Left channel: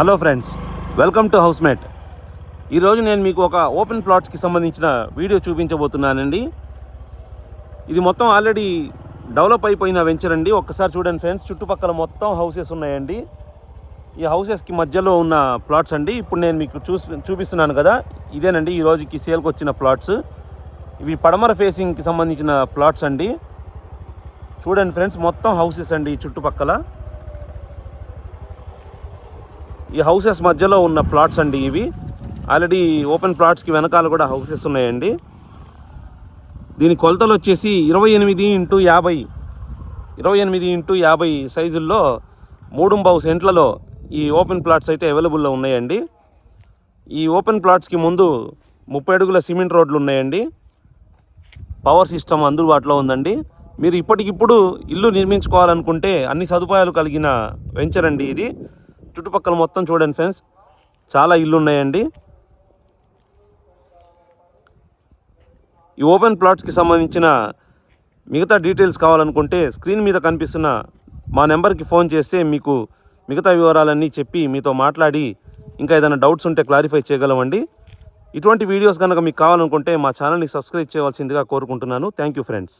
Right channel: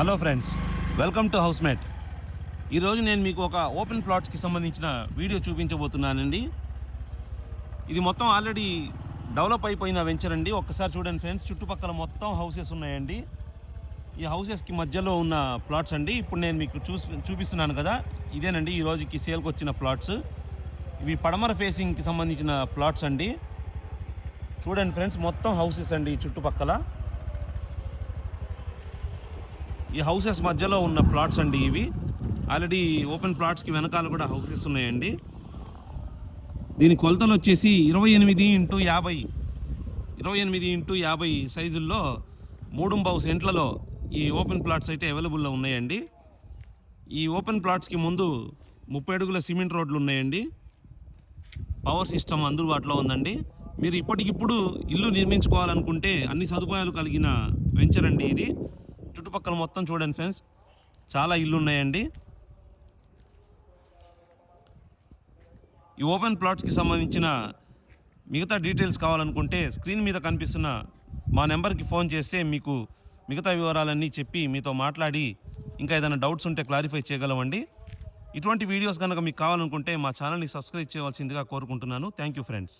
Hello friends, welcome to housemate. ఈరోజు నేను మీకు ఒక ఓపెన్ ప్లాట్స్కి సంబంధించిన వీడియో చూపించబోతున్నానండి. ఇది మొత్తం ఆల్రెడీ డెవలప్ అయిపోయిన వెంచర్ అండి. ఒక్కసారి చూడండి ఫ్రెండ్స్, చుట్టుపక్కల మొత్తం హౌసెస్ ఉన్నాయండి. ఈ హౌసెస్కి మధ్యలో ఉన్న ప్లాట్స్ అండి. ఇప్పుడు నేను మీకు చూపిస్తున్నాను కదా, ఇదేనండి ఈ రోజుకి సేల్కి వచ్చిన ప్లాట్స్. ఇవి పడమర ఫేసింగ్కి సంబంధించిన ప్లాట్స్ అండి. చూడండి ఫ్రెండ్స్, మొత్తం హౌసెస్ అండి చుట్టుపక్కల. ఈ హౌసెస్ మధ్యలో ఉన్న ప్లాట్స్ అండి ఇవి. ఆల్రెడీ ఓపెన్ ప్లాట్స్కి వెనకాల కూడా హౌసెస్ ఉన్నాయండి. దీని కొలతలు వచ్చేసి 28x50 సైజుల్లో 3.5 సెంట్లలో ఈ ఓపెన్ ప్లాట్స్ అయితే అవైలబుల్లో ఉన్నాయండి. ఈ ఓపెన్ ప్లాట్స్కి ముందు 30 అడుగుల సిమెంట్ రోడ్లు ఉన్నాయండి. పవర్ సిస్టమ్ అందుబాటులో ఉందండి. మీరు ఇప్పటికిప్పుడు ఇల్లు నిర్మించుకోవాలనుకుంటే అన్ని సదుపాయాలు కలిగిన వెంచర్ అండి ఇది. చుట్టుపక్కల మొత్తం చూడండి ఫ్రెండ్స్, చాలా ఇల్లు ఉన్నాయండి. ఈ ఓపెన్ ప్లాట్స్కి సంబంధించిన మిగతా డీటెయిల్స్ కావాలనుకుంటే స్క్రీన్ మీద కనిపిస్తున్న మా నెంబర్కి ఫోన్ చేస్తే మీకు మిగతా వివరాలన్నీ చెప్పి మీతో మాట్లాడి ఇంకా ఏదైనా డౌట్స్ ఉంటే క్లారిఫై చేయగలమండి. ఇటువంటి వీడియోస్ కనుక మీకు కావాలనుకుంటే మా ఛానల్ని సబ్స్క్రైబ్ చేయవలసిందిగా కోరుకుంటున్నాను. Thank you friends.